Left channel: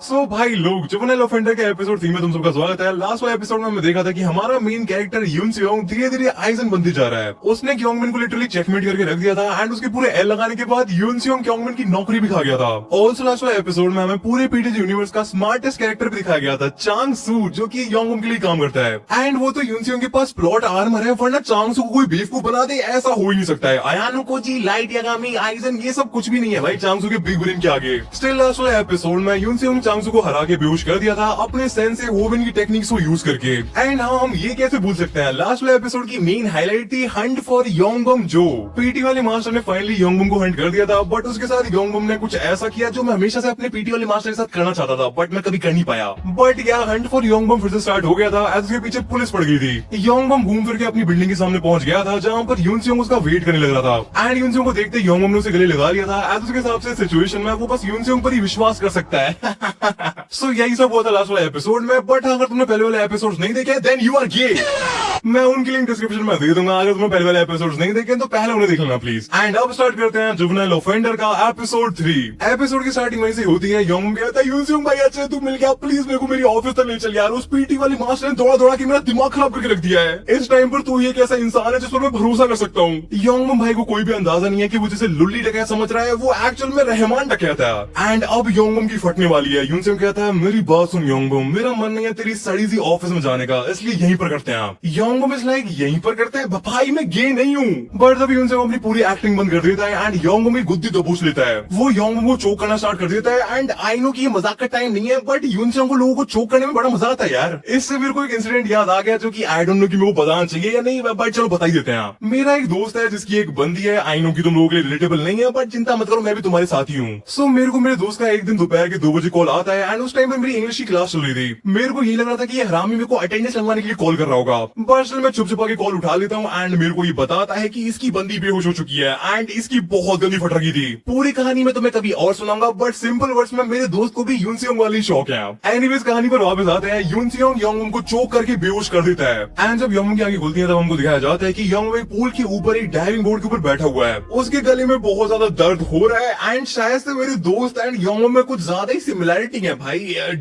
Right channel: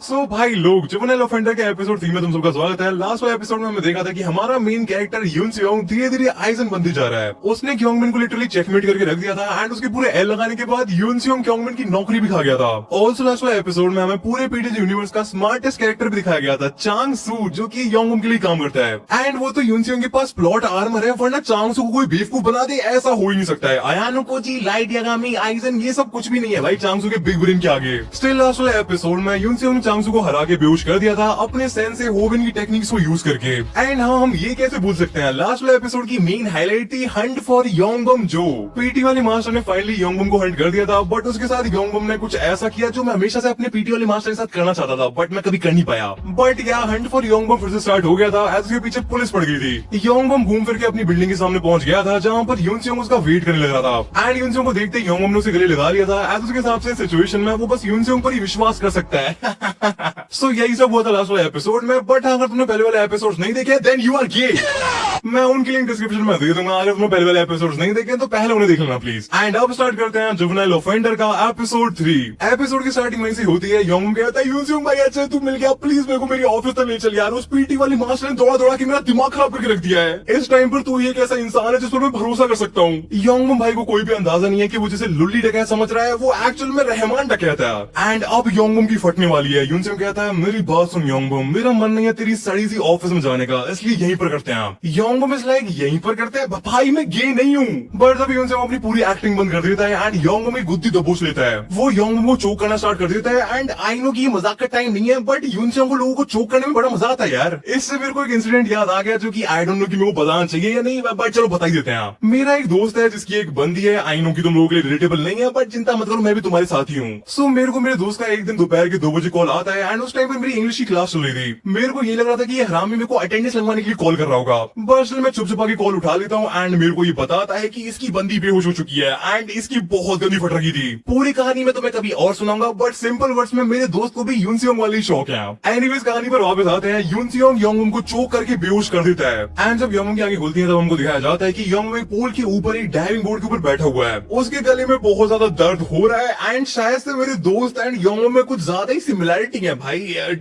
सो भाई लोग, juvenile offender के एपिसोड 3 में तुम सबका स्वागत है। लास्ट वाले एपिसोड में हमने देखा था कि हमारा मेन कैरेक्टर यून सियोंग धीरे धीरे आइजन बनती जा रहा है। उसने क्योंगमिन को लिटरली चेकमेट करके रख दिया था एंड उसके पूरे एल लगाने के बाद यून सियोंग क्योंगमिन की नौकरी भी खा गया था। ऑल्सो लास्ट वाले एपिसोड में हमें पूरे पीटीजी यूनिवर्स का स्मार्टेस्ट कैरेक्टर भी दिखाया गया था, चांग सू, जो कि योंगबम के लिए काम करता है। एंड वो तो यून सियोंग के पास प्लॉट आर्मर है, वरना चांग सू को कोई बेवकूफ बना दे ऐसा हो ही नहीं सकता है। Ayano Koji, light Yagami, Aizen, ये सब कुछ भी नहीं है भाई चांग सू के बिग ब्रेन के आगे। स्टिल लास्ट वाले एपिसोड में यून सियोंग ने चांग सू को हरा के बेहोश कर दिया था अपने सेंसे होविन की टेक्निक्स को यूज करके। एंड हाँ, हम ये कैसे भूल सकते हैं, लास्ट वाले एपिसोड की मेन हाईलाइट थी हंट फॉर योंगबम जो। पीटी वाले मास्टर ने फाइनली योंगबम को हंट कर दिया था, बट उसके साथ योंगबम ने कुछ ऐसा किया जो मैं हमेशा से अपने पीटी वाले मास्टर के साथ करना चाहता था, बट मैं कभी कर नहीं पाया। बट क्या हंट फॉर योंगबम फिर से स्टार्ट हो गया था एज उसके पीछे पुलिस पड़ गई थी। योंगबम घूम फिर के अपनी बिल्डिंग के सामने पहुंच गया था, जहाँ पर यून सियोंग उसका वेट करने लग रहा था। एंड यून सियोंग को देखते योंगबम ने उसे गले लगा लिया था। एज उसके हिसाब से सिचुएशन में वो बस यून सियोंग पर ही विश्वास कर सकता है। सो यही सब हुआ था लास्ट वाले एपिसोड में। बट अगर तुमने पहले वाले एपिसोड नहीं देखे देन यू आर गे। मैं उनकी लिंक डिस्क्रिप्शन में दे दूंगा। अगर तुमने पहले वाले एपिसोड नहीं देखे तो पहले उन्हें देख लेना प्लीज। एंड अब स्टार्ट करते हैं जुवेनाइल ऑफेंडर का एपिसोड 3। एपिसोड की स्टार्टिंग वहीं से होती है। योंगबम कहता है यून सियोंग भाई अच्छा तू मिल गया, प्लीज मेरे को मेरी ऑफिस तक ले चल यार। उस पीटी वाली मास्टर ने दौड़ा दौड़ा के मेरा दिमाग खराब करके रख दिया है। इस टाइम पर तू ये कैसा इंसान है जिस पर मैं भरोसा कर सकता हूँ। योंगबम भाई को कोई भी अंदाजा नहीं है कि वो जिसे लुल्ली डकैत समझ रहा है वो एक्चुअल में रहमान डकैत है। एंड अब योंगबम की फटने वाली है। यून सियोंग कहता है मेरी बात सुन योंगबम, मेरा मन नहीं है तेरी सड़ी सी ऑफिस में जाने का, इसलिए यहीं पर करते हैं। योंगबम इज लाइक यहीं पर करते हैं भाई, मैं गे नहीं हूँ। बट तभी यून सियोंग अपनी पूरी एक्टिंग बंद कर देता है एंड योंगबम की गुद्दी दबोच लेता है। वो योंगबम को चोक करना स्टार्ट कर देता है। एंड आई नो कि ये मजाक का टाइम नहीं है, बट यून सियोंग को लोगों को चोक करने में बड़ा मजा आता है यार। इससे मेरे को एक इंसिडेंट याद आ गया जो कि आई डोंट नो कि मेरे को बताना चाहिए या नहीं, बट चलो बता ही देते हैं। मेरा एक दोस्त है जिसकी एक बंदी है। आई नो कि तुम लोगों के लिए रिलेटेबल नहीं है, बट चिंता मत करो, मैं भी तुम्हारे साथ ही हूँ। सो मेरे को मेरे दोस्त का एक दिन दोपहर के 2 बजे कॉल आता है एंड उस टाइम पर मेरी इंग्लिश की क्लास चल रही थी। मेरे को ये लग रहा था कि ये हरामी मेरे को अटेंडेंस लगवाने के लिए कॉल कर रहा होगा। बस मैं चुप छुपा के कॉल उठा लेता हूँ एंड मेरे को ये बताता है कि इसकी बंदी बेहोश हो चुकी है एंड इसकी बहुत गंदी फट रखी थी। पूरी कहानी मैं तुम्हें कभी और सुनाऊंगा, बट सिंपल वर्ड्स में मेरे दोस्त को भी यून सियोंग वाली शौक है। एनीवेज कहानी पर वापस आते हैं। यून सियोंग योंगबम को चोक करके बेहोश कर देता है एंड जब योंगबम की आंखें खुलती हैं तब हमको दिखाया जाता है कि योंगबम एक पूल के ऊपर ही डाइविंग बोर्ड के ऊपर बैठा हुआ है। उसके गले में बहुत ज्यादा दर्द हो रहा है एंड शायद से मेरे दोस्त एंड योंगबम में कुछ ज्यादा ही सिमिलैरिटी है भाई,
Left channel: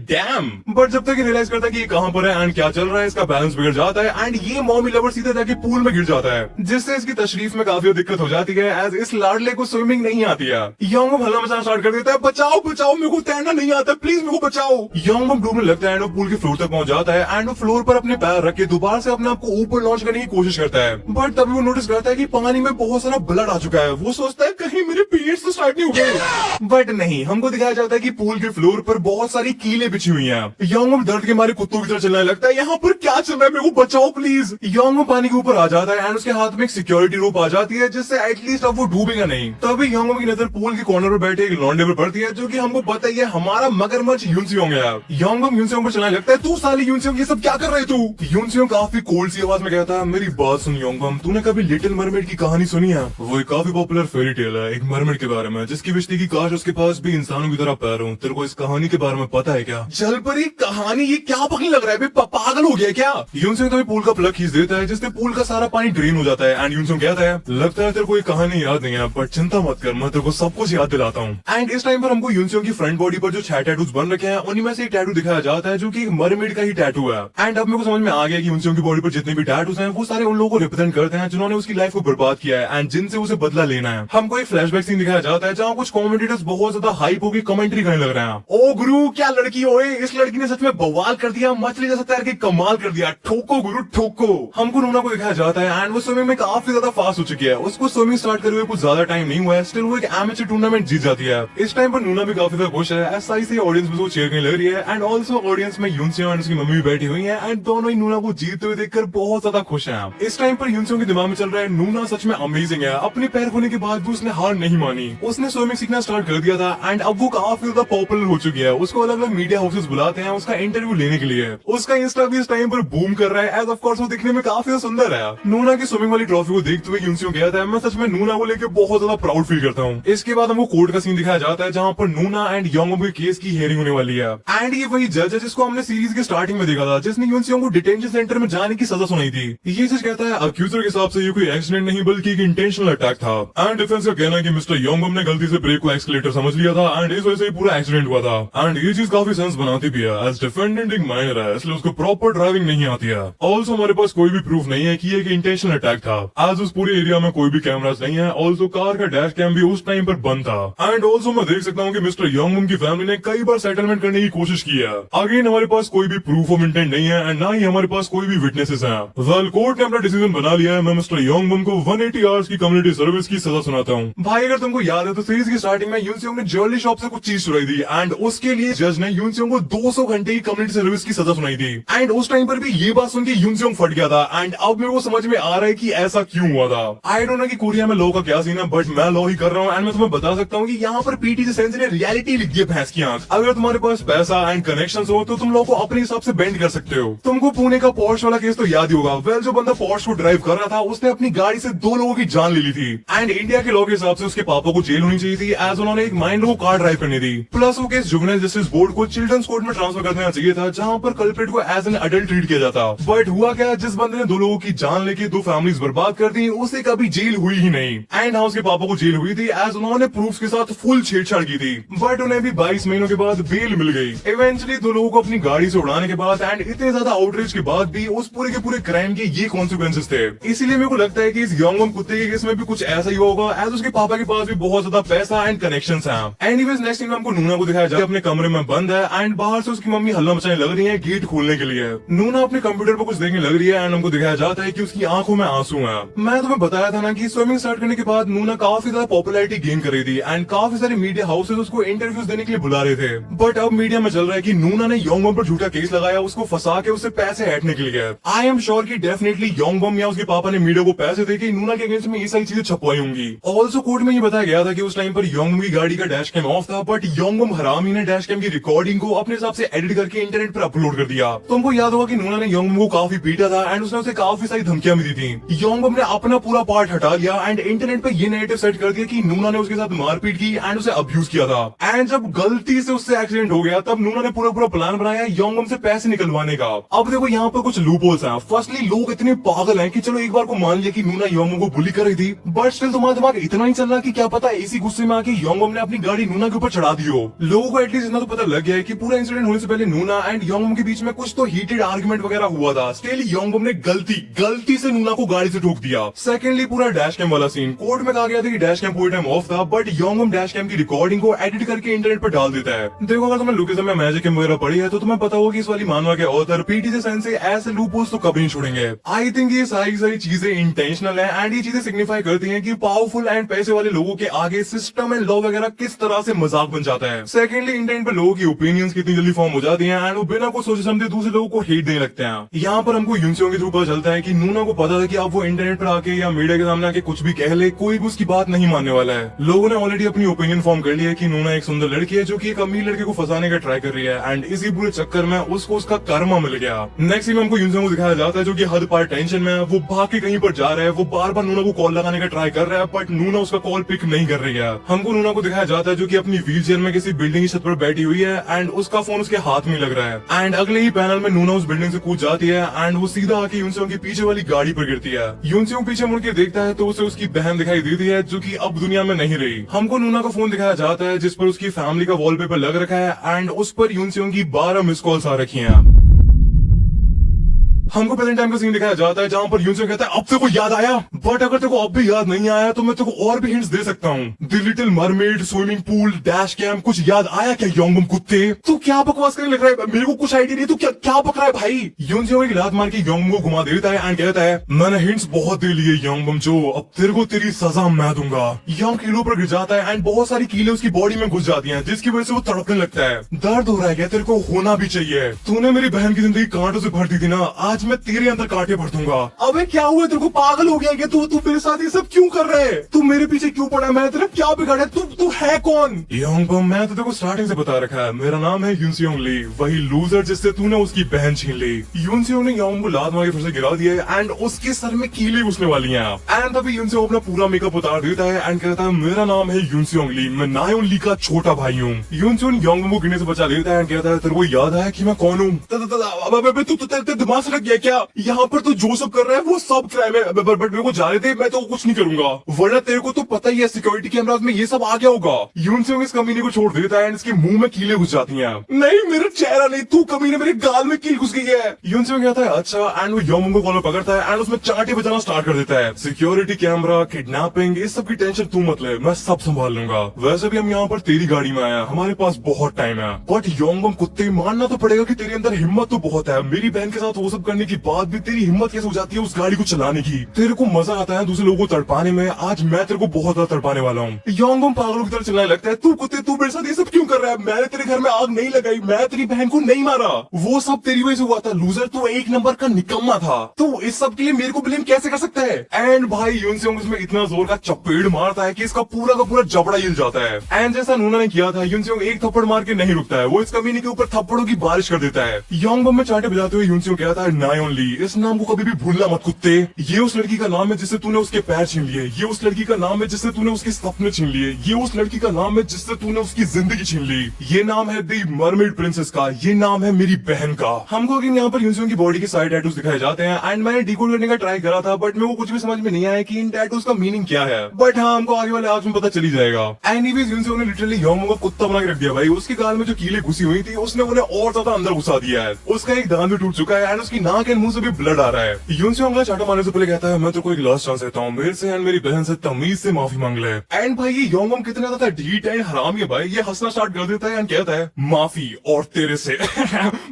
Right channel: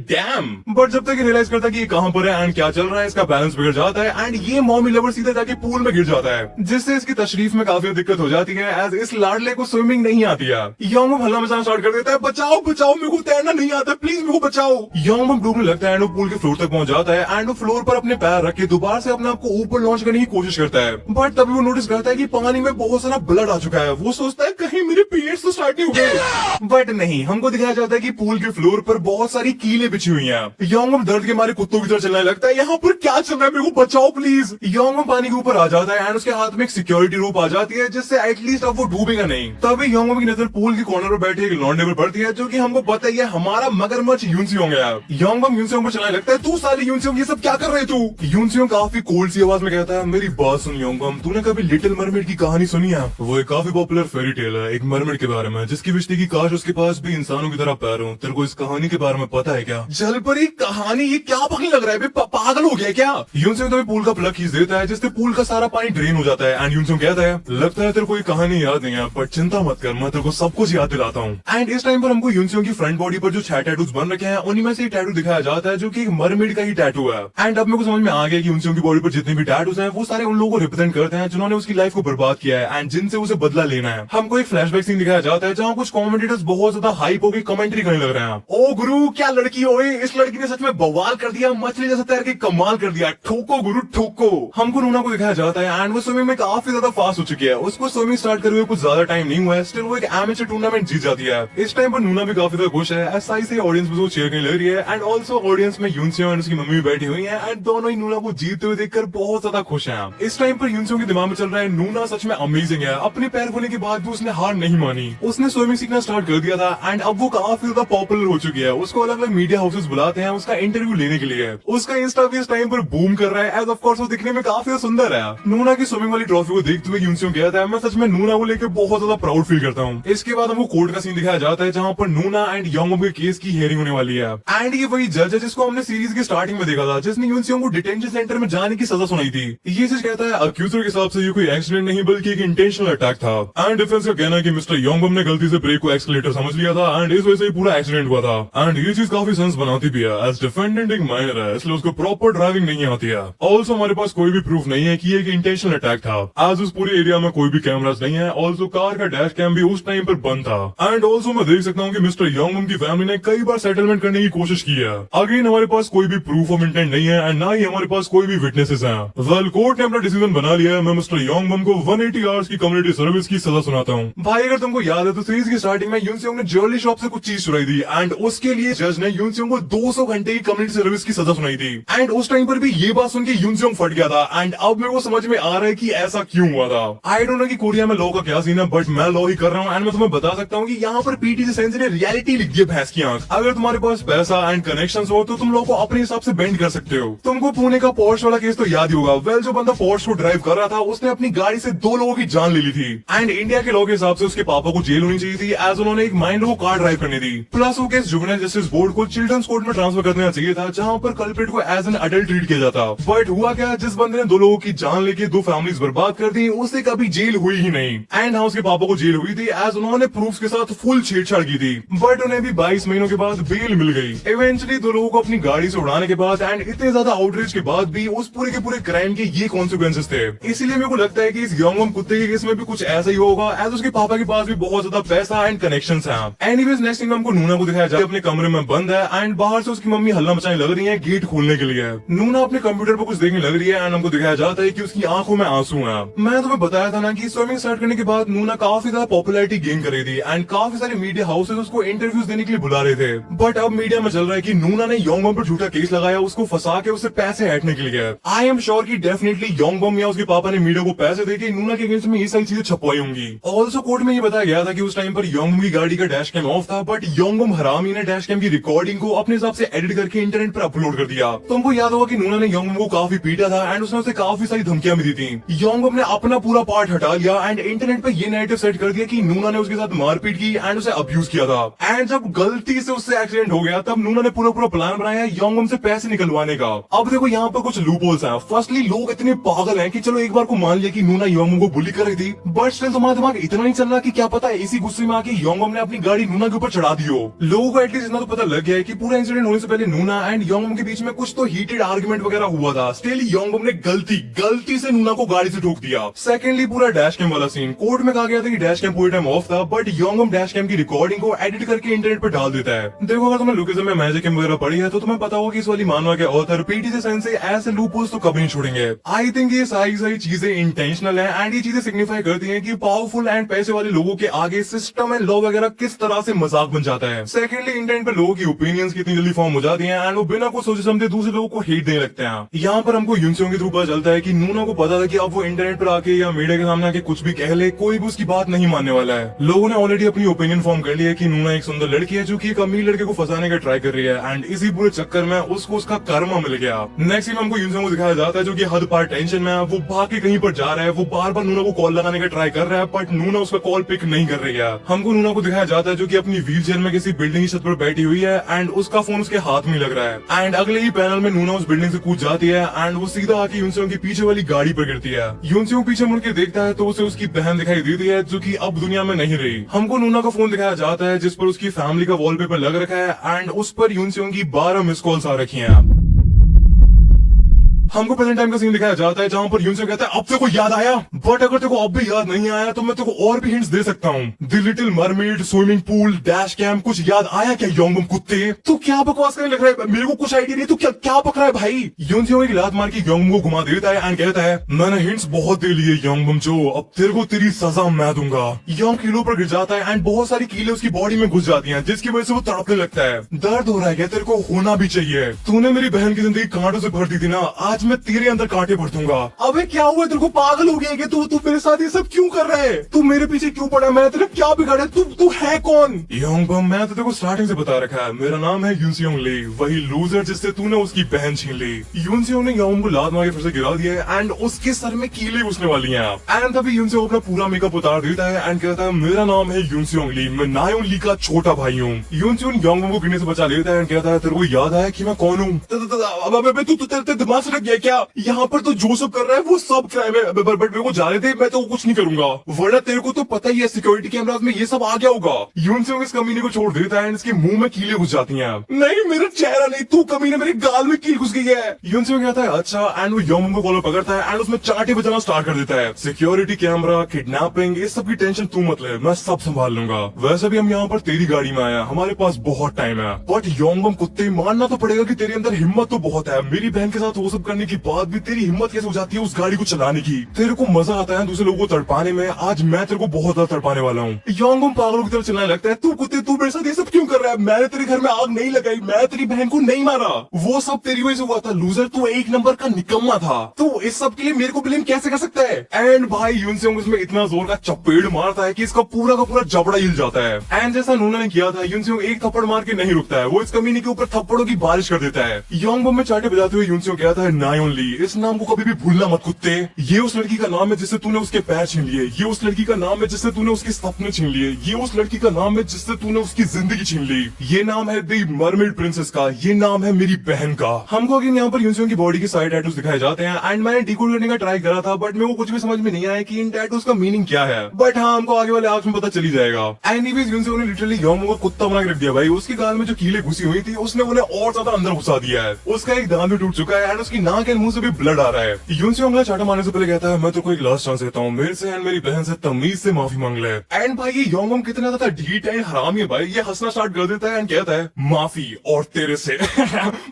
डैम। बट जब तक रियलाइज करता है कि कहां पर है एंड क्या चल रहा है, इसका बैलेंस बिगड़ जाता है एंड ये मॉमी लवर सीधे जाके पूल में गिर जाता है, जिससे इसकी तशरीफ में काफी दिक्कत हो जाती है एज इस लाडले को स्विमिंग नहीं आती है। योंगबम हल्ला मचाना स्टार्ट कर देता है, बचाओ बचाओ मेरे को तैरना नहीं आता, प्लीज मेरे को बचाओ। योंगबम डूबने लगता है एंड वो पूल के फ्लोर तक पहुंच जाता है एंड वो फ्लोर पर अपने पैर रख के दोबारा से अपने आप को ऊपर लॉन्च करने की कोशिश करता है। बट तभी वो नोटिस करता है कि पानी में बहुत सारा ब्लड आ चुका है। वो सोचता है कहीं मेरे पीरियड्स तो स्टार्ट नहीं हो गए, बट नहीं, हमको दिखाया जाता है कि पूल के फ्लोर पर बहुत सारी कीलें बिछी हुई हैं। योंगबम दर्द के मारे कुत्तों की तरह चलने लगता है, यहाँ पर क्या चल रहा है, मेरे को बचाओ प्लीज। योंगबम पानी के ऊपर आ जाता है एंड उसके हाथ में एक सिक्योरिटी रोप आ जाती है जिससे एटलीस्ट अब वो डूबेगा नहीं। तभी योंगबम की नजर पूल के कॉर्नर पर बैठे एक लौंडे पर पड़ती है जो कि हमको पता ही है हमारा मगरमच्छ यून सियोंग है। योंगबम यून सियोंग पर चलाने लगता है, तू साले यून सियोंग ये सब क्या कर रहे तू। यून सियोंग काफी कोल्ड सी आवाज में कहता है, मेरी बात सुन योंगबम, तूने कभी लिटिल मरमेड की कहानी सुनी है? वो एक काफी पॉपुलर फेरी टेल है एक मरमेड के बारे में जिसकी विश थी कि काश उसके पास भी इंसानों की तरह पैर हो। तेरे को इस कहानी के बारे में पता है क्या? जलपरी कहानी, ये क्या पकड़ लग रहा है, पागल हो गया क्या? यून सियोंग तभी पूल का प्लग खींच देता है जिससे पूल का सारा पानी ड्रेन हो जाता है एंड यून सियोंग कहता है, लगता है तेरे को ये कहानी याद नहीं है, पर चिंता मत कर, मैं तेरे को सब कुछ याद दिलाता हूँ। एंड इस टाइम पर हमको यून सियोंग की फ्रंट बॉडी पर जो 6 टैटूज बन रखे हैं उन्हीं में से एक टैटू दिखाया जाता है जो कि एक मरमेड का ही टैटू है। एंड अब मेरे को समझ में आ गया कि यून सियोंग की बॉडी पर जितने भी टैटूज हैं वो सारे उन लोगों को रिप्रेजेंट करते हैं जिन्होंने उसकी लाइफ को बर्बाद किया है एंड जिनसे उसे बदला लेना है। हमको एक फ्लैशबैक सीन दिखाया जाता है जहाँ कुछ कमेंटेटर्स बहुत ज्यादा हाइप होकर कमेंट्री करने लग रहे हैं। ओ गुरु क्या लड़की ओए, इस लड़की ने सच में बवाल कर दिया, मछली जैसा तैर के कमाल कर दिया, ठोको गुरु ठोको। हमको नूना को दिखाया जाता है एंड वो स्विमिंग में काफी ज्यादा फास्ट हो चुकी है। उसको स्विमिंग स्टार्ट करे हुए कुछ ज्यादा टाइम नहीं हुआ है, स्टिल वो एक एमेचर टूर्नामेंट जीत जाती है। इस टाइम पर नूना भी काफी ज्यादा खुश है, ऐसा ही ऑडियंस में चेयर करने लग रही है एंड ऑल्सो ऑडियंस में यून सियोंग एंड उसकी मम्मी भी बैठी हुई है एंड दोनों ही नूना को जीतते हुए देखकर बहुत ज्यादा खुश है। इस टाइम पर यून सियोंग के दिमाग में चल रहा है, नूना सच में अमेजिंग है, अपने पैर होने के बाद भी उसने हार नहीं मानी, उसने स्विमिंग सीखना स्टार्ट कर दिया था एंड अब वो काफी ज्यादा पॉपुलर हो चुकी है। उसको अलग अलग मीडिया हाउसेस बुलाते हैं उसका इंटरव्यू लेने के लिए। उसका इंस्टा भी इस टाइम पर बूम कर रहा है एज ऑफ कोर्स वो दिखने में काफी सुंदर है। नूना की स्विमिंग वाली ट्रॉफी को देखते हुए यून सियोंग कहता है, मैं सच में नूना को लेकर बहुत ज्यादा प्राउड फील करता हूँ। इसके बाद हमको कोर्ट का सीन दिखाया जाता है जहाँ पर नूना एंड योंगबम के केस की हियरिंग होने वाली है एंड ये वही जज है जिसको हमने सीरीज के स्टार्टिंग में देखा था, जिसने यून सियोंग को डिटेंशन सेंटर में जाने की सजा सुनाई थी। ये जज कहता है अक्यूजर के हिसाब से ये कोई एक्सीडेंट नहीं बल्कि एक इंटेंशनल अटैक था एंड डिफेंस का कहना है कि मिस्टर योंगबम ने गलती से ब्रेक को एक्सीलेटर समझ लिया था एंड इस वजह से पूरा एक्सीडेंट हुआ था एंड ये चीज चीज काफी सेंस बनाती भी है। एज डिफेंडेंट एक माइनर है, इसलिए उसको प्रॉपर ड्राइविंग नहीं आती है। ऑल्सो हमारे पास कोई भी प्रूफ नहीं है कि ये एक इंटेंशनल अटैक था, आज उस पूरे एरिया में कोई भी कैमरास नहीं है। ऑल्सो कार का डैश कैम भी उस टाइम पर बंद था। एंड ऑल्सो मैं देख सकता हूँ कि मिस्टर योंगबम की फैमिली ने कई बार सेटलमेंट करने की कोशिश की है। अगेन हमारे पास कोई भी प्रूफ ऑफ इंटेंट नहीं है एंड ना ही हमारे पास कोई भी विटनेसेस हैं। वेल कोर्ट ने अपना डिसीजन बना लिया है। मैं मिस्टर योंगबम को 180 आवर्स की कम्युनिटी सर्विस की सजा सुनाता हूँ। भाई अगर तुमको याद है तो सीरीज की स्टार्टिंग में यून सियोंग ने ज्वेलरी शॉप से कुछ चीज चुराई थी एंड उसके लिए जज ने यून सियोंग को 200 घंटे की कम्युनिटी सर्विस की सजा सुनाई थी। एंड उस टाइम पर भी ये बात सुन के यून सियोंग फट गया था एंड अब मेरे को समझ में आ रहा है कि ऐसा क्यों हुआ था। आई डोंट नो कि कोरिया में लॉ का क्या सीन है, बट मैं लॉ ही कर रहा हूँ एंड मैं तुम्हें बता सकता हूँ कि यहाँ पर पीटीसी सेंस ने रियलिटी लिख दी है भैंस की आंख। अगर तुम्हारे पास पैसा एंड कनेक्शंस हो तो तुम लोगों को अपने हिसाब से बेंड कर सकते हो। तुमको पुणे का पोर्श वाला केस तो याद ही होगा। वेल जो बंदा पोर्श को ड्राइव कर रहा था उसने अपनी गाड़ी से 2 लोगों की जान ले ली थी एंड इंडिया के लॉ के हिसाब से उसके पापा को जेल होनी चाहिए थी एज उन्होंने एक माइनर को कार ड्राइव करनी थी। प्लस वो केस जुवेनाइल जस्टिस बोर्ड को चिल्ड्रंस कोर्ट में ट्रांसफर कर देना चाहिए था जहाँ पर कल्प्रिट को एज एन अडल्ट ट्रीट किया जाता। बट हुआ क्या, जिस बंदे ने 2 लोगों की जान लेके 2 फैमिलीज बर्बाद कर दी उसे कभी जेल हुई ही नहीं। एंड हाँ उसके पापा को जेल हुई थी एज उन्होंने प्रूफ्स के साथ फुल छेड़छाड़ की थी, बट उन्हें भी 22 महीनों के बाद बेल मिल गई। इवेंचुअली 2 लोगों को अपनी गाड़ी से उड़ाने के बाद एंड इतने ज्यादा आउटरीच के बाद भी उस पूरे के पूरे क्राइम के ये कॉन्सिक्वेंसेस थे। इसीलिए मेरे को लगता है कि इस योंगबम कुत्ते के केस में भी कुछ ऐसा ही होगा एज उसके पापा के पास भी बहुत ज्यादा पैसा एंड कनेक्शंस हैं। एनीवेज नेक्स्ट सीन में हमको नूना को दिखाया जाए अपने कमरे में बंद है एंड बाहर से उसकी मम्मी हल्ला मचाने लग रही है गेट खोलने के लिए। नूना अपने कंप्यूटर पर कुछ देखने लग रही है एंड हमको दिखाया जाता है कि उसकी आंखों में आंसू है। मैं तुम्हें बताया था ना कि स्विमिंग स्टार्ट करने के बाद नूना काफी ज्यादा पॉपुलैरिटी गेन कर रही थी एंड काफी सारे मीडिया हाउसेस उसको इंटरव्यूज देने के लिए बुला रहे थे। बट अब मीडिया में चल रहा है कि नूना ने योंगबम पर झूठा केस लगाया उसको फंसा के उससे पैसे हटने के लिए। आई एम श्योर कि डेफिनेटली योंगबम या उसके पापा ने मीडिया को पैसे देके नूना के अगेंस्ट में ये सारी चीजें छपवाई होंगी। ऑल्सो कोर्ट में ये बताया गया था कि उस टाइम पर योंगबम की गाड़ी का डैश कैम ऑफ था, बट योंगबम हरामी ने डैश कैम की रिकॉर्डिंग को अपने हिसाब से एडिट करके इंटरनेट पर अपलोड कर दिया। तुमको याद होगा कि नूना ने योंगबम को काफी पीटा था एंड उसने उसे काफी सारी धमकियां भी दी थी। योंगबम ने अपना पूरा पार्ट हटा लिया एंड इंटरनेट पर ये नैरेटिव सेट कर दिया कि नूना ने उसके साथ मारपीट की एंड उसे अब्यूज किया था। एंड जब गलती से उससे एक्सीडेंट हो गया तब नूना ने पूरा प्लान बनाया योंगबम से पैसे निकलवाने का। अब देखो यहाँ पर कुछ लूप होल्स हैं। फर्स्टली लोग इतने पागल हैं कि चलो एक बार को मान लिया कि नूना योंगबम को बुली कर रही थी, बट स्टिल तुम्हारा दिमाग इतना ही चल रहा कि क्या पता इसी गुस्से में आके योंगबम ने अपनी गाड़ी नूना के ऊपर चढ़ा दी हो। लोगों को एटलीस्ट इतना तो पता लग गया है कि पूरा इंसिडेंट होने से पहले नूना एंड योंगबम के बीच में कुछ तो हीटेड आर्गुमेंट वगैरह हुआ था। स्टिल योंगबम ने गलती से नूना को गाड़ी से ठोक दिया। सेकेंडली पूरा डैश कैम वाला सीन, कोर्ट में कहा गया था कि डैश कैम पूरे टाइम ऑफ था, बट योंगबम डैश कैम की रिकॉर्डिंग को एडिट करके इंटरनेट पर डाल देता है। देखो अगर तुमने लुकिज्म में मैजिक कैम वगैरह पढ़ी है तो तुम्हें पता होगा कि इस वाली मानवा के ऑथर पीटीसी सेन से ऐसे लूपहोल्स तो कभी नहीं छोड़ेंगे। आई थिंक ये सारी चीजें इंटेंशनल है एंड ये चीजें सिग्निफाई करती हैं कि पावरफुल एंड पैसे वाले लोगों के आगे सिस्टम एंड लॉ वगैरह किस तरह से मजाक बन जाता है। सेकेंडली इंटरनेट पर लोगों की ओपिनियंस कितनी जल्दी फॉर्म हो जाती है एंड वो बिना कुछ सोचे समझे दूसरे लोगों को हेट देने लगते हैं। यहाँ पर हमको यून सियोंग के थ्रू पता चलता है कि नूना को पता था कि अब वो इंटरनेट पर आके या मीडिया के सामने आके कुछ भी कह ले कोई भी उसकी बात नहीं मानने वाला है। लोगों ने ऑलरेडी अपनी ओपिनियन फॉर्म कर लिया है कि नूना एक सुंदर लड़की है जो कि एक अमीर लड़के को फंसाने का ट्राई कर रही है एंड इसी पूरे चक्कर में उसको उसका कर्म मिल गया। नेक्स्ट में हमको यून सियोंग को दिखाया जाता है जो कि हद पार टेंशन में है। वो भाग के कहीं पर जा रहा है, वो बार बार नूना को कॉल लगाने का ट्राई कर रहा है बट नूना उसका कॉल पिक नहीं कर रही है। हमको नूना को दिखाया जाता है जो कि अपनी व्हील चेयर में किसी बिल्डिंग की छत पर बैठी हुई है एंड उसका फोन उसके हाथ में लग रहा है एंड अगले ही पैनल में नूना उस बिल्डिंग से कूद जाती है एंड वो सीधा आके यून सियोंग की पीछे वाली गाड़ी पर गिरती है। यून सियोंग पीछे मुड़ के देखता है तो उसे उसकी बहन दिखाई देती है जो कि अब दुनिया में नहीं रही। हमको नूना का फोन दिखाया जाता है जिस पर उसकी फैमिली का वॉलपेपर लग रखा है एंड उस पर यून सियोंग की 12 मिस कॉल्स आ रखी हैं। हमको प्रेजेंट टाइम का सीन दिखाया जाता है जहाँ पर यून सियोंग कहता है अब तेरे को याद आया, बट अगर तेरे को अब भी याद नहीं आया तो मैं तेरे को और भी हिंट्स दे सकता हूँ। The little mermaid, swimming pool, dash cam, कुछ याद आया क्या योंगबम कुत्ते? तू क्या बकवास करने लग रहा है? मेरे को कुछ आइडिया नहीं, तू क्या बक रहा है भाई? यून सियोंग एक लात मार के योंगबम को घुमा देता है एंड कहता है मैंने हिंट्स बहुत दे लिए योंगबम जो, अब तेरे को तेरी सजा मैं दूंगा। योंग कीलों पर गिर जाता है एंड बहुत सारी कीले उसकी बॉडी में घुस जाती है जिसकी वजह से वो तड़पने लगता है। दर्द हो रहा है, तेरे को होना भी चाहिए। तूने मेरी बहन की जिंदगी कांटों से भर दी थी ना, आज मैं तेरे अंदर कांटे भर दूंगा। अबे क्या हुआ, तेरे को पागल हो गया है? तू मेरे साथ ये सब क्यों कर रहा है? तू मेरे पीछे क्यों पड़ा? मैं तेरा क्या बिगाड़ा? तू है कौन? योंगबम, मैं तो तेरे को स्टार्टिंग से बता रखा है, मेरा नाम है यून सियोंग ली, वही लूजर जिससे तूने उसकी बहन छीन ली। यून सियोंग ने योंगबम को लात मार के फिर से गिरा दिया एंड उसके सर में कीले घुसने वाली हैं एंड तभी यून सियोंग अपना पूरा मेकअप उतार देता है एंड कहता है मेरा नाम है यून सियोंग ली, मैं नायोन ली का छोटा भाई हूँ। यून सियोंग योंगबम को गिरने से बचा लेता है एंड कहता है तेरे को याद आया कि मैं कौन हूँ? तू दिमाग से गया क्या? यहाँ पर तो जो सब कर रहा है वो सब क्राइम है, बट मेरे को जाने दे, मैं तो कुछ नहीं करूंगा, वरना तेरे को तो पता ही है सिक्योरिटी कैमराज में ये सब आ गया होगा। यून से इस कमीने को छोड़ देता है, इसके मुंह में कीले घुस जाती हैं। नहीं मेरा चेहरा नहीं, तू कमीने मेरे गाल में कील घुस गई है। यून से कहता है अच्छा, एंड वो योंगबम को कॉलर पकड़ता है एंड उसमें चांटे बजाना स्टार्ट कर देता है। सिक्योरिटी कैमरा, किडनैपिंग, इस सब की टेंशन तू मत ले, मैं सब संभाल लूंगा। वैसे भी हम यहाँ पर तेरी गाड़ी में आए हैं, हमारे पास बहुत टाइम है। बट योंगबम कुत्ते, मानना तो पड़ेगा कि तेरे अंदर हिम्मत तो बहुत है। मेरी बहन के साथ वो सब करने के बाद भी तेरी हिम्मत कैसे हो जाती है उस गाड़ी को चलाने की? तेरे को मजा आता है दूसरे लोगों को तड़पाने में, आज मैं तेरे को बहुत ज्यादा तड़पाने वाला हूँ। योंगबम पागलों की तरह चलने लगता है, तू कुत्ते तू मेरे साथ ये सब क्यों कर रहा है? मैंने तेरे घर में आग नहीं लगाई, मैं तेरी बहन को नहीं मारा, वो सब तेरी वजह से हुआ था। लूजर, तू एक नंबर का निकम्मा था, तू इस सब के लिए मेरे को ब्लेम कैसे कर सकता है? एंड भाई यून से उसमें इतना जोर का चपेड़ मारता है कि इसका पूरा का पूरा जबड़ा हिल जाता है। एंड जैसा नूना ने किया था, यून से एक थप्पड़ मार के नहीं रुकता है, वो इस कमीने के ऊपर थप्पड़ों की बारिश कर देता है। योंगबम में चांटे बजाते हुए यून से कहता है, नाई ओनली, इस नाम को कभी भी भूलना मत कुत्ते। ये उस लड़की का नाम है जिससे तूने उसके पैर छीन लिए, ये उस लड़की का नाम है जिससे तूने उसके सपने छीन लिए, ये उस लड़की का नाम है जिससे तूने उसकी जिंदगी छीन ली, ये नाम है द मरमेड प्रिंसेस का, ये नाम है मेरी बहन का। हमको अगेन यहाँ पर यून की बॉडी के साइड टैटूज दिखाए जाते हैं एंड मैंने डिकोड करने का ट्राई करा था, बट मेरे को कुछ भी समझ में नहीं आया कि इन टैटूज का मीनिंग क्या है। बट हाँ, हमको आगे वाले आर्क्स में पता चली जाएगा। एनीवेज यून ने लिटरली योंगबम को कुत्ता बना के रख दिया भाई। उसके गाल में जो कीले घुसी हुई थी उसने उन्हें और ज्यादा अंदर घुसा दिया है। उसका एक दांत भी टूट चुका है एंड उसकी नाक एंड मुंह से भी ब्लड आ रहा है। यून से चाटा मारने से पहले कहता है, मैं तो कोई लास्ट चांस देता हूँ, मेरे से एंड मेरी बहन से तमीज से माफी मांग ले। एंड भाई ये योंगबम कितना ज्यादा ढीठ है, हरामी है भाई। ये हंसना स्टार्ट कर देता है एंड कहता है, माफी और तेरे से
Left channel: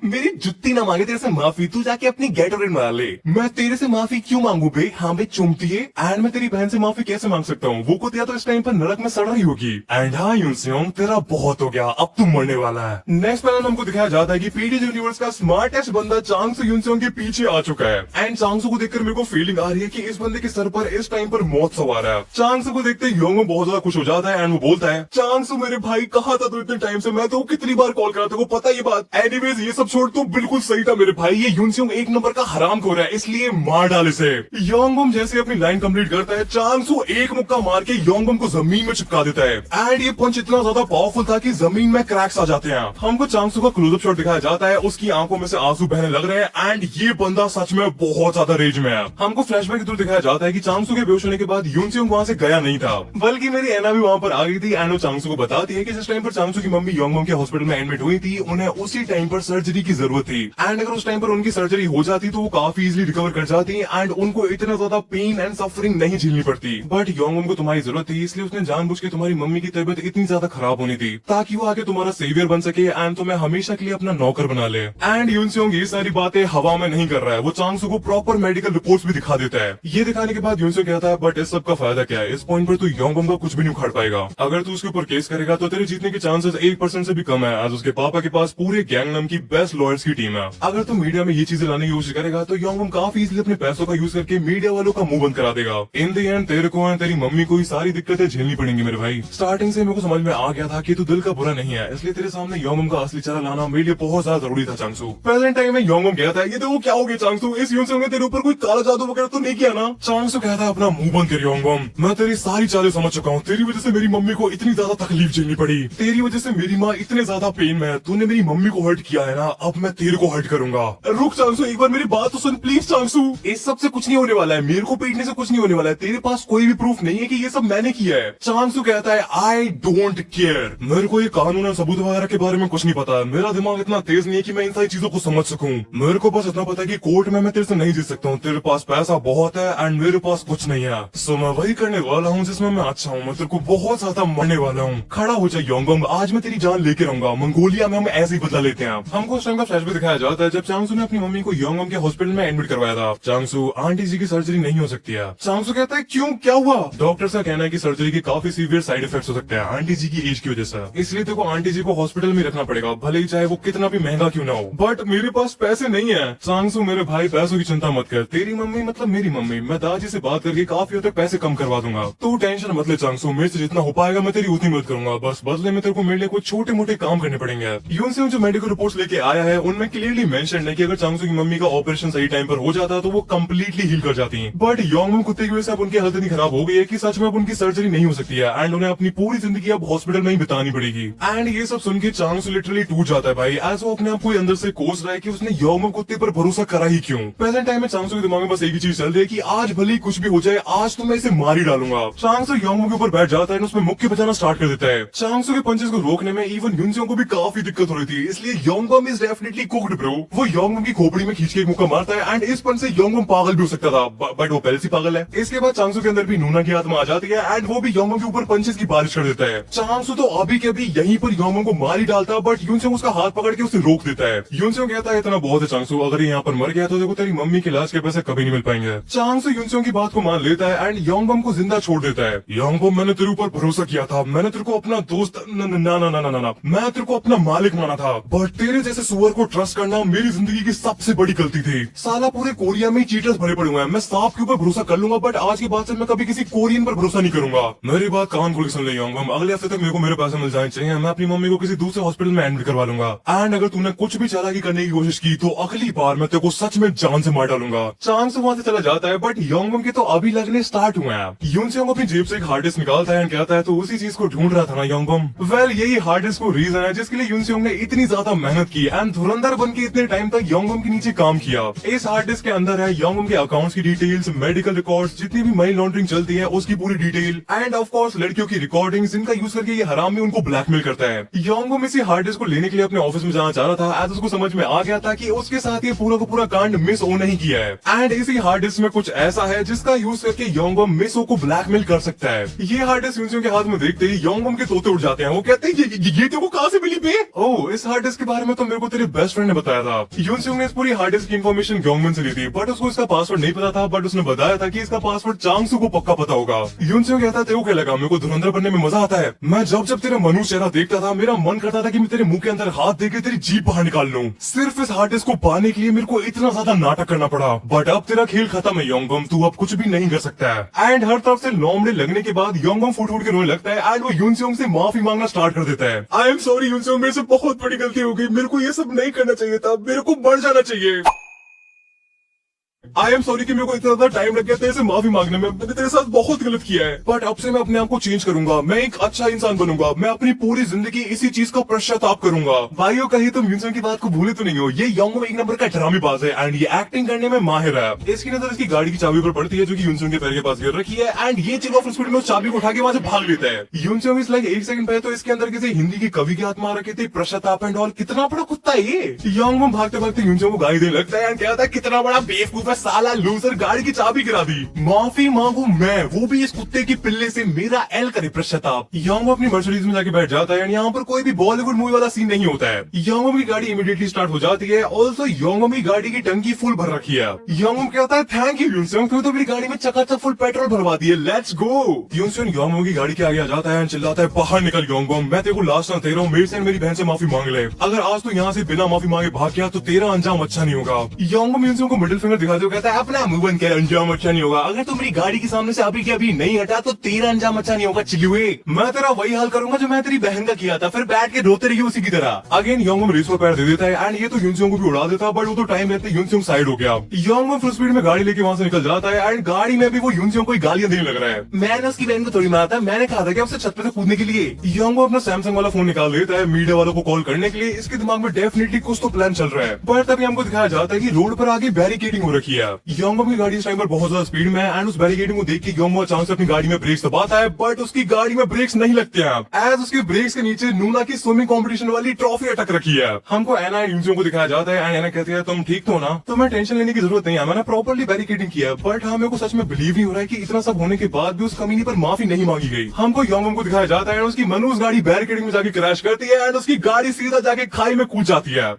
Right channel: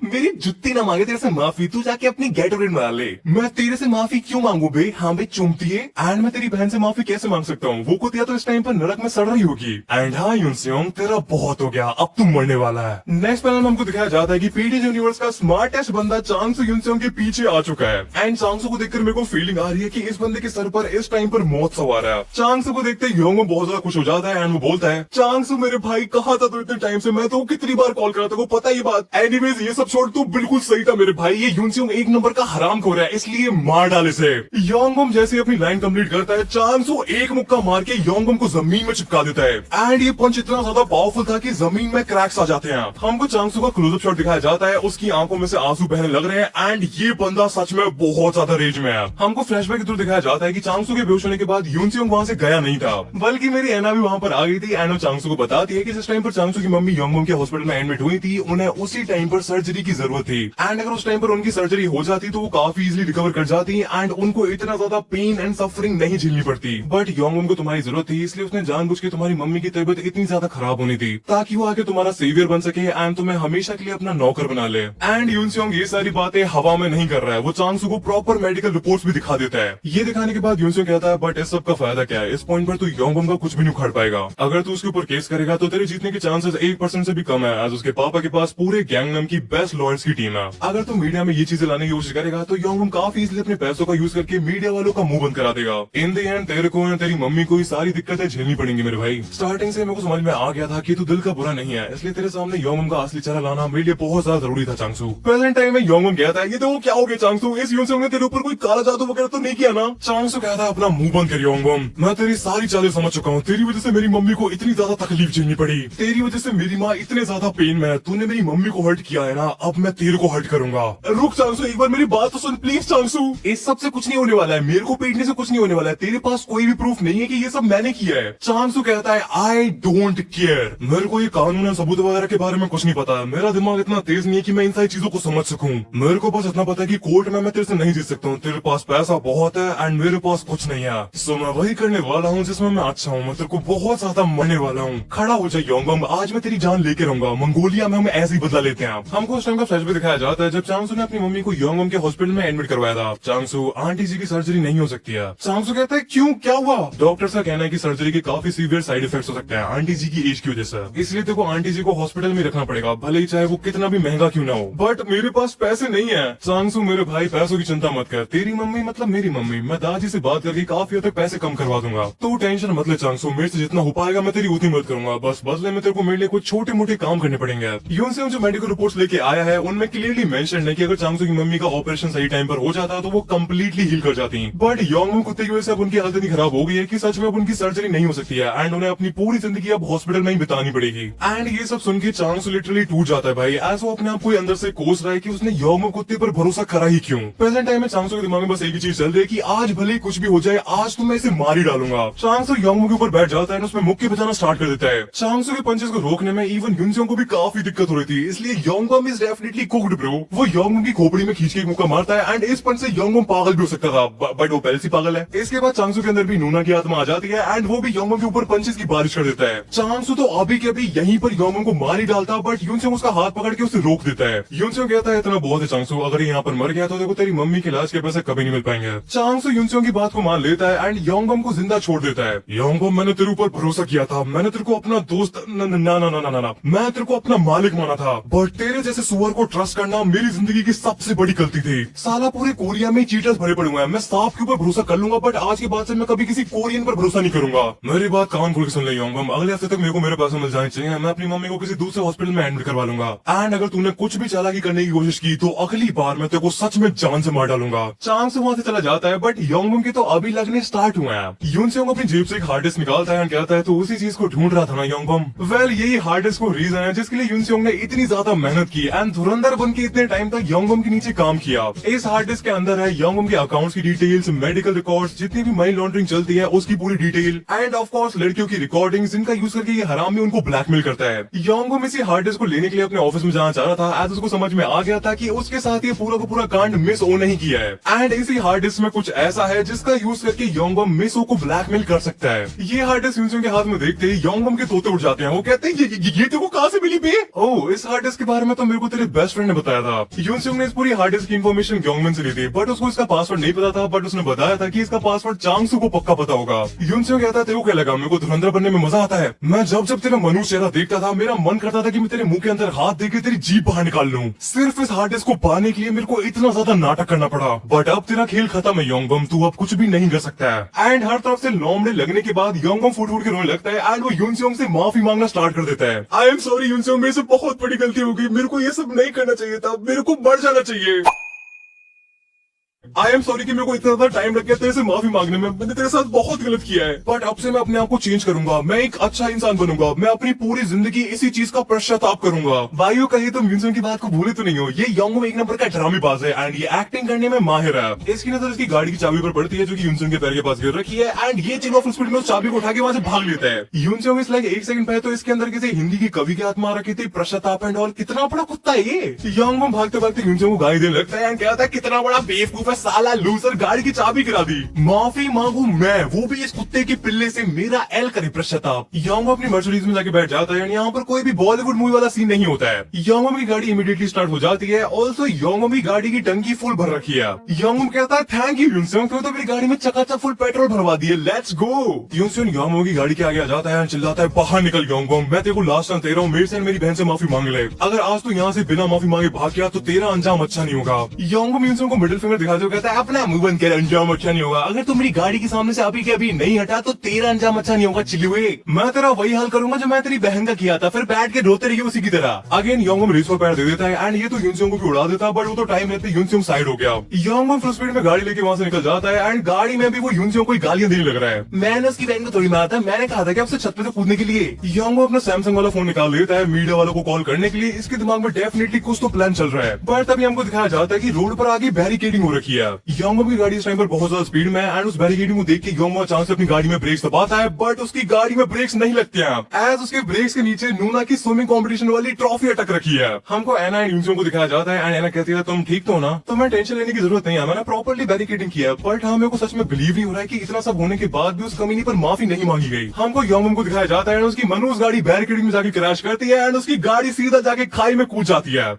मेरी जुत्ती ना मांगे तेरे से माफी, तू जाके अपनी गेटोरेड बना ले। मैं तेरे से माफी क्यों मांगू बे? हाँ बे चुमती है। एंड मैं तेरी बहन से माफी कैसे मांग सकता हूँ? वो कुतिया तो इस टाइम पर नरक में सड़ रही होगी। एंड हाँ यूनसेयोंग, तेरा बहुत हो गया, अब तू मरने वाला है। नेक्स्ट पैनल हमको दिखाया जाता है कि पीटीज यूनिवर्स का स्मार्टेस्ट बंदा चांगसू यूनसेयोंग के पीछे आ चुका है। एंड चांगसू को देखकर मेरे को फीलिंग आ रही है कि इस बंदे के सर पर इस टाइम पर मौत सवार है। चांगसू को देखते ही योंगबम बहुत ज्यादा खुश हो जाता है एंड वो बोलता है, चांगसू मेरे भाई कहाँ था तू इतने टाइम से? मैं तो कितनी बार कॉल करा था, वो पता ये बात। एनीवेज ये सब छोड़, तू बिल्कुल सही था मेरे भाई, ये यूनसेयोंग एक नंबर का हरामखोर है, इसलिए मार डाल इसे। योंगबम जैसे अपनी लाइन कंप्लीट करता है, चांगसू एक मुक्का मार के योंगबम को जमीन में चिपका देता है। एंड ये पंच इतना ज्यादा पावरफुल था कि जमीन में क्रैक्स आ जाते हैं। हमको चांगसू का क्लोजअप शॉट दिखाया जाता है, उसकी आंखों में से आंसू बहने लग रहे हैं एंड ये बंदा सच में बहुत ज्यादा रेज में है। हमको फ्लैशबैक के थ्रू दिखाया जाता है कि चांगसू के बेहोश होने के बाद यूनसेयोंग वहां से गया नहीं था, बल्कि मेरी एना भी वहां पर आ गई थी एंड वो चांगसू को बताती है कि जिस टाइम पर चांगसू की मम्मी योंगबम के हॉस्पिटल में एडमिट हुई थी, उन्हें उसी टाइम पर सर्जरी की जरूरत थी। एंड अगर उस टाइम पर उनकी सर्जरी हो जाती तो वो काफी इजीली रिकवर कर जाती एंड उनको इतना ज्यादा पेन एंड सफरिंग नहीं झेलनी पड़ती। बट योंगबम को तुम्हारी जरूरत थी, इसलिए उसने जानबूझ के तुम्हारी मम्मी की तबीयत इतनी ज्यादा खराब होनी थी ताकि वो आके तुम्हारा सेवियर बन सके एंड तुम्हें हमेशा के लिए अपना नौकर बना ले। एंड यूनसेयोंग ये सारी बातें हवा में नहीं कर रहा है, वो चांगसू को प्रॉपर मेडिकल रिपोर्ट्स भी दिखा देता है। ये दिखाने के बाद यूनसेयोंग कहता है, बट इस सब का फायदा क्या है? इस पॉइंट पर तू योंगबम का कुछ भी नहीं उखाड़ पाएगा। अगर तू उसके ऊपर केस करेगा तो तेरे जीतने के चांसेस 1% से भी कम है, आज उसके पापा के पास पूरे गैंगनम की बेस्ट लॉयर्स की टीम है। अगर तू मीडिया में ये चीजें लाने की कोशिश करेगा तो योंगबम काफी इजीली अपने पैसों का यूज करके मीडिया वालों का मुंह बंद करा देगा। इन द एंड तेरे को एंड तेरी मम्मी को ही सारी दिक्कतें झेलनी पड़ेंगी मेरे भाई। स्टार्टिंग से मेरे को समझ में आ गया था कि तू दिल का बुरा नहीं है, इसलिए तेरे सामने योंगबम का असली चेहरा लाना मेरे लिए बहुत ज्यादा जरूरी था चांगसू। प्रेजेंट टाइम में योंगबम कहता है कि तो क्या हो गया चांगसू, इस यूनसेयोंग ने तेरे ऊपर कोई काला जादू वगैरह तो नहीं किया ना? चांगसू कहता है, अपना मुंह बंद कर योंगबम, मैं तेरी सारी चालें समझ चुका हूँ। तेरी वजह से मेरी मम्मी को इतनी ज्यादा तकलीफ झेलनी पड़ी, तेरी वजह से मेरी माँ इतने ज्यादा पेन में है, तूने मेरी मम्मी को हर्ट किया है ना, अब मैं तेरे को हर्ट करूंगा। रुक चांगसू, एक बार मेरी बात तो सुन प्लीज चांगसू। इस सब से कुछ नहीं होने वाला है, मेरे को पीटने से कुछ नहीं होने वाला है, तेरे पास कोई भी प्रूफ नहीं है कि ये सब मैंने किया है। चांगसू कहता है, आई डोंट केयर, मेरे को ये कानून और सबूत वगैरह के बारे में कुछ नहीं पता, मेरा दिमाग इतना तेज नहीं है कि मैं इन सारी चीजों को समझ सकूं। मेरे को बस इतना पता है कि कोर्ट में मैं तेरे से नहीं जीत सकता हूँ, तेरे पास पैसा बहुत है एंड मेरे पास कुछ नहीं है, सो मैं वही करने वाला हूँ जिसमें मैं अच्छा हूँ, मैं तेरे को बहुत ज्यादा मरने वाला हूँ। खड़ा हो जाए योंगबम, आज मैं तेरी जान लेके रहूंगा। मंगोलिया में हम ऐसे ही बदला लेते हैं। हमको उस टाइम का फ्लैशबैक दिखाया जाता है जब चांगसू ने अपनी मम्मी को योंगबम के हॉस्पिटल में एडमिट करवाया था। चांगसू, आंटी जी की सर्जरी नहीं हो सकती है। चांगसू कहता है, क्यों, क्या हुआ? डॉक्टर का कहना है कि सर्जरी के काफी सीवियर साइड इफेक्ट्स हो सकते हैं आंटी जी की एज की वजह से, इसलिए तेरे को आंटी जी को हॉस्पिटल में रखना पड़ेगा, भले ही चाहे वो कितना भी महंगा क्यों ना हो। बट मेरे पास पैसे नहीं है। चांगसू, मेरे भाई पैसों की चिंता मत कर, तेरी मम्मी मतलब मेरी मम्मी, मैं दादाजी से बात करके काफी हद तक पैसे कम करवा दूंगा, तू टेंशन मत ले चांगसू, मेरे से जितना हो पाएगा मैं तेरी उतनी मदद करूंगा, बस बदले में तेरे को मेरे लिए कुछ छोटे मोटे काम करने पड़ेंगे। यूनसेयोंग जो मेडिकल रिपोर्ट्स लेके आया है उनमें क्लियरली मेंशन है कि अगर चांगसू की मम्मी का ऑपरेशन सही टाइम पर हो जाता है तो वो कम्प्लीटली हील कर जाती है। बट योंगबम कुत्ते की वजह से अब उनकी हालत इतनी खराब हो गई है कि सच में अब उनकी सर्जरी नहीं हो सकती है एंड उन्हें अपनी पूरी जिंदगी अब हॉस्पिटल में ही बितानी पड़ेगी। एंड ये सब सुन के चांगसू लिटरली टूट जाता है भाई, एज वो अपने आप को अंदर से कोस रहा है कि उसने योंगबम कुत्ते पर भरोसा करा ही क्यों। प्रेजेंट टाइम में चांगसो के दिमाग में बस एक ही चीज चल रही है कि आज भले ही कुछ भी हो जाए, आज तो मैं इसे मार ही डालूंगा। चांगसो योंगबम के ऊपर बैठ जाता है, उसमें मुक्के बजाना स्टार्ट कर देता है। चांगसो के पंचेस को रोकने में इवन युनसेओंग को भी काफी दिक्कत हो रही थी, इसलिए योंगबम इज डेफिनेटली कुक्ड ब्रो। वो योंगबम की खोपड़ी में खींच के एक मुक्का मारता है एंड इस पंच से योंगबम पागल भी हो सकता था, बट वो पहले से पागल है। इसके बाद चांगसो के अंदर भी नूना की आत्मा आ जाती है एंड वो भी योंगबम के ऊपर पंचेस की बारिश कर देता है। चांगसो तो अभी के अभी यहीं पर योंगबम को मार ही डालता, बट युनसेओंग उसका हाथ पकड़ के उसे रोक देता है। युनसेओंग कहता है इतना बहुत है चांगसो, अगर यहाँ पर मर गया तो देखो तेरी मम्मी के इलाज के पैसे कभी नहीं मिल पाएंगे। चांगसो युनसेओंग की बात को मान लेता है एंड योंगबम को जिंदा छोड़ देता है। योंगबम मैंने तेरे ऊपर भरोसा किया था, मैंने तेरे को अपना दोस्त ना ना ना ना ना ना मैं तेरे को अपना मालिक माना था, बट तेरे जैसे सुअर को ट्रस्ट करना मेरी जिंदगी की सबसे बड़ी गलती थी। साला पूरे कोरिया में चीटर्स भरे पड़े हुए हैं, मैं सांप के ऊपर भरोसा कर लूंगा बट आज के बाद से मैं कभी किसी कोरियन पर भरोसा नहीं करूंगा। मेरी बात कान खोल के सुन ले योंगबम, अगले हफ्ते तक मेरे को मेरे पैसे मिल जाने चाहिए, मैं अपनी मम्मी को किसी दूसरे हॉस्पिटल में एडमिट करवा लूंगा। एंड अगर तूने कुछ भी चालाकी करने की कोशिश की तो अगली बार मैं तेरे को सच में जान से मार डालूंगा। चांगसो वहां से चला जाता है, बट योंगबम के तो अभी लगने स्टार्ट हुए हैं। युनसेओंग अपनी जेब से एक हार्ड डिस्क निकालता है, कहता है तो उसी चीज को ढूंढ रहा था ना योंगबम। वेल यही हार्ड डिस्क को रीजन है जिसके लिए युनसेओंग ने इतनी ज्यादा मेहनत की एंड धुरंधर बन के इतने टाइम तक योंगबम के नीचे काम किया। इस हार्ड डिस्क के अंदर है योंगबम के अकाउंट्स की डिटेल्स, मेडिकल रिकॉर्ड्स, जितनी भी मनी लॉन्ड्रिंग चलती है उसकी पूरी डिटेल एंड ऑफ कोर्स लड़कियों की रिकॉर्डिंग्स, जिनका यूज करके ये हरामी उनको ब्लैकमेल करता है। योंगबम इसी हार्ड डिस्क को लेने के लिए अपने ऑफिस में जाना चाह रहा था, एज उसको समझ में आ गया था कि उसके साथ ये पूरा का पूरा कांड मिस ओ नहीं किया है एंड इसी हार्ड डिस्क में कुछ ऐसा है जिसका यूज करके योंगबम मिस ओ को ब्लैकमेल कर सकता है। ये हार्ड डिस्क युनसेओंग के हाथ में देखते ही योंगबम के तोते उड़ जाते हैं। वो कहते हैं ये तेरे को कहां से मिली बे? ओह, इस हार्ड डिस्क के बारे में तो मेरे को तेरे बेस्ट फ्रेंड ने बताया था। युनसेओंग ने इस पूरी हार्ड डिस्क की इन्फॉर्मेशन योंगबम से ली थी, बट उसको इसका पासवर्ड नहीं पता था, बट उसने बताया था कि इसका पासवर्ड चांगसो को पक्का पता होगा। युनसेओंग कहता है तेरे को क्या लगा मेरे को धुरंधर बनने में मजा आता है? मैं जब जब तेरा मनुष्य चेहरा देखता था मेरा मन करता था कि मैं तेरे मुंह के अंदर हाथ देके तेरी जीभ बाहर निकाल लूं। सिर्फ इस हार्ड डिस्क को पाने के लिए मेरे को इतना ज्यादा नाटक करना पड़ा, बट अब तेरा खेल खत्म है योंगबम, तू अब कुछ भी नहीं कर सकता है। एंड हर तरफ से लोमड़े लगने के बाद योंगबम फूट फूट के रोने लगता है एंड वो युनसेओंग से माफी मांगना स्टार्ट कर देता है। आई एम सॉरी युनसेओंग, मेरे से बहुत बड़ी गलती हो गई, मेरे को ये सब नहीं करना चाहिए था, मेरे को मर जाना चाहिए। आई एम सॉरी कि मेरे को इतना ज्यादा टाइम लग गया तेरे से माफी मांगने में, मैंने तेरे साथ बहुत गलत किया है, बट अब से मैं अपने आप को चेंज करूंगा, मैं एक अच्छा इंसान बनूंगा, मैं अपनी पूरी जिंदगी इसी चीज का पश्चाताप करूंगा। भाइयों कहीं तुम युनसेओंग की बात को भूले तो नहीं हो, ये योंगबम एक नंबर का ड्रामेबाज है एंड ये एक्टिंग करने में माहिर है। इसकी नजर इसकी गाड़ी की चाबी पर पड़ती है जो कि युनसेओंग के पैर के पास गिर रखी है एंड ये चिल्ला स्पीड में उस चाबी को उठा के वहां से भाग लेता है। युनसेओंग इस लाइक एक सेकंड पहले तो इसके अंदर किसी हिंदी के कवि की आत्मा आ रखी थी, पश्चाताप एंड ऑल, कितना बड़ा कुत्ता है ये। योंगबम भागते भागते युनसेओंग को गाली देने लगता है एंड कहता है कितना बड़ा बेवकूफ है साला, लूजर, गाड़ी की चाबी गिरा दी, माफी मांगू मैं, वो भी इस कुत्ते के पिल्ले से, मेरा एल करे पश्चाताप। योंगबम अपनी मर्सिडीज में जाके बैठ जाता है, यहाँ पर कोई भी बॉलीवुड मूवी वाला सीन नहीं होता है। योंगबम की गाड़ी इमीडिएटली स्टार्ट हो जाती है, ऑल्सो योंगबम की गाड़ी की टंकी फुल भर रखी है। योंगबम कहता है थैंक यू युनसेओंग, तो मेरी गाड़ी में चकाचक फुल पेट्रोल भरवा दिए, लेट्स गो। युनसेओंग योंगबम की गाड़ी के आगे आ जाता है, चिल्लाता है बाहर निकल योंगबम, मैं तेरे को लास्ट टाइम दे रहा हूँ, मेरे से मेरी बहन से माफी मांग ले, अगर आज तो यहाँ से बिना माफी मांगे भाग गया तो तेरा अंजाम अच्छा नहीं होगा। योंगबम युनसेओंग को मिडिल फिंगर दिखाते हुए कहता है अपना मुंह बंद कर, अंजाम अच्छा नहीं होगा, अगर तुम मेरी गाड़ी के सामने से अभी के अभी नहीं हटा तो तेरा अंजाम अच्छा नहीं होगा चिल्लुए, मैं तेरा वही हाल करूंगा जो मैं तेरी बहन का किया था, फिर बैठ के रोते रहिए उसी की तरह। अगेन योंगबम रेस पर पैर दे देता है एंड ये तो युनसेओंग को भी उड़ा देता है, बट वो तो टाइम रहते युनसेओंग साइड हो गया। योंगबम फुल स्पीड में गाड़ी लेके वहां से निकल जाता है एंड गाड़ी में भी वो युनसेओंग को गालियां देने लग रहा है। मैंने उसकी बहन को थोड़ी मारा था, मैंने कहा था कि उसे छत पे से कूदने के लिए। योंगबम अपना सैमसंग वाला फोन निकाल लेता है मीडिया वालों को कॉल करने के लिए, इसके दिमाग में डेफिनेटली कुछ तो प्लान चल रहा है, बट तभी हमको दिखाया जाता है कि रोड पर आगे बैरिकेडिंग हो रखी है। योंगबम की गाड़ी इस टाइम पर बहुत ज्यादा स्पीड में है एंड उस बैरिकेडिंग को देख के योंगबम अचानक से अपनी गाड़ी में ब्रेक्स दबाता है, बट उसकी गाड़ी में ब्रेक्स नहीं लगते हैं, एज उसके ब्रेक्स के नीचे नूना की स्विमिंग कंपटीशन वाली ट्रॉफी अटक रखी है। हमको एना एंड युनसेओंग को दिखाया जाता है एंड एना कहती है तुम ठीक तो हो ना, तुम्हें टेंशन लेने की जरूरत नहीं है, मैंने प्रॉपर्ली बैरिकेडिंग किया, बट हाँ मेरे को सच में बिलीव नहीं हो रहा है कि इतना सब होने के बाद भी उस कमीनी पर माफी नहीं मांगी गई। हमको योंगबम को दिखाया जाता है उसकी मनुष्य गाड़ी बैरिकेडिंग में जाके क्रैश करती है एंड उसकी गाड़ी सीधा जाके खाई में कूद जाती है।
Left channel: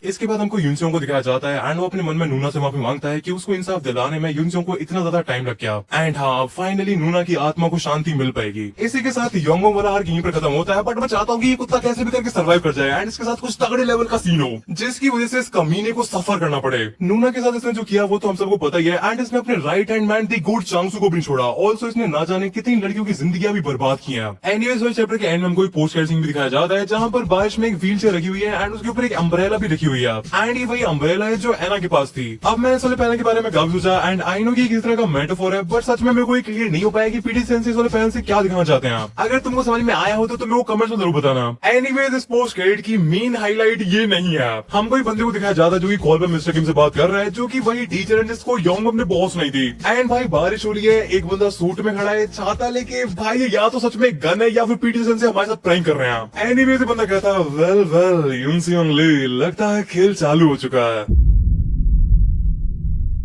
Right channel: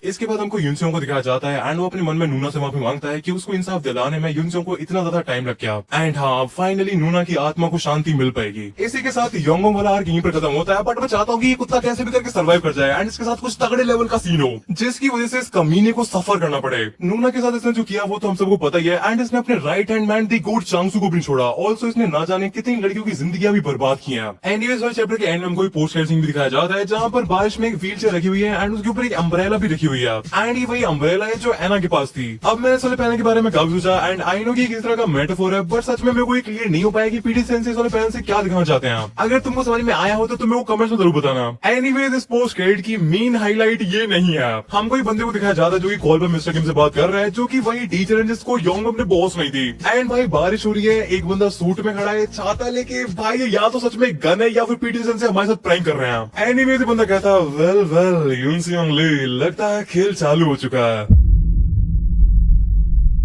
इसके बाद हमको युनसेओंग को दिखाया जाता है एंड वो अपने मन में नूना से माफी मांगता है कि उसको इंसाफ दिलाने में युनसेओंग को इतना ज्यादा टाइम लग गया एंड हाँ फाइनली नूना की आत्मा को शांति मिल पाएगी। इसी के साथ योंगबम वाला आर्क यहीं पर खत्म होता है, बट मैं चाहता हूँ कि ये कुत्ता कैसे भी करके सर्वाइव कर जाए एंड इसके साथ कुछ तगड़े लेवल का सीन हो जिसकी वजह से इस कमीने को सफर करना पड़े। नूना के साथ इसने जो किया वो तो हम सबको पता ही है एंड इसने अपने राइट हैंड मैन दी गुड चांगसो को भी छोड़ा, ऑल्सो इसने ना जाने कितनी लड़कियों की जिंदगी भी बर्बाद की है। एंड ये चैप्टर के एंड में कोई पोस्ट क्रेडिट सीन भी दिखाया जाता है जहाँ पर बारिश में एक व्हील चेयर रखी हुई है एंड उसके ऊपर एक अम्ब्रेला भी रखी हुई है दिया। एंड ये वही अम्ब्रेला है जो एना के पास थी। अब मैंने सोलर पैनल के बारे में काफी सोचा एंड आई नो कि किस तरह का मेटाफोर है, बट सच में मेरे को ये क्लियर नहीं हो पाया कि पीटी सेंस सोलर पैनल से क्या दिखाना चाहते हैं। अगर तुमको समझ में आया हो तो तुम्हें वो कमेंट्स में जरूर बताना। एनीवेज इस पोस्ट क्रेडिट की मेन हाईलाइट ये नहीं है, हमको एक बंदे को दिखाया जाता है जो कि कॉल पर मिस्टर किम से बात कर रहा है, जो कि वही टीचर है जिसको योंगम ने बॉस नहीं थी। एंड भाई बारिश हो रही है, एक बंदा सूट में खड़ा है छाता लेके, भाई या तो सच में गन है या फिर पीटी सेंस से हमारे साथ प्रैंक कर रहे हैं। एनीवेज बंदा कहता वेल वेल यून सियोंग ली, लगता है खेल चालू हो चुका है।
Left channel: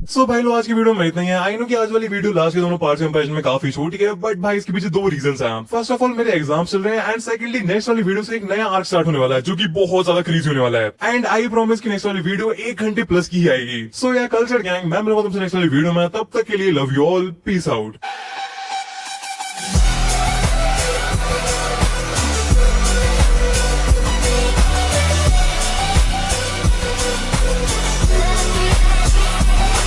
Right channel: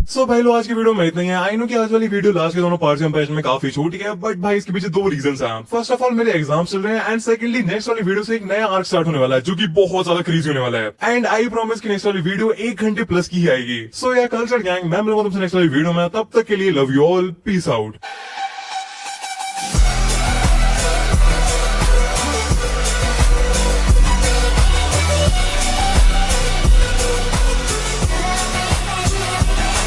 सो भाई लोग आज की वीडियो में इतना ही है। आई नो कि आज वाली वीडियो लास्ट के दोनों पार्ट्स कंपैरिजन में काफी छोटी है, बट भाई इसके पीछे दो रीजंस हैं। फर्स्ट ऑफ ऑल मेरे एग्जाम चल रहे हैं एंड सेकंडली नेक्स्ट वाली वीडियो से एक नया आर्क स्टार्ट होने वाला है जो कि बहुत ज्यादा क्रेजी होने वाला है। एंड आई प्रॉमिस कि नेक्स्ट वाली वीडियो 1 घंटे प्लस की ही आएगी। सो यार कल्चर गैंग, मैं मिलूंगा तुमसे नेक्स्ट वाली वीडियो में, तब तक के लिए love you all, peace out.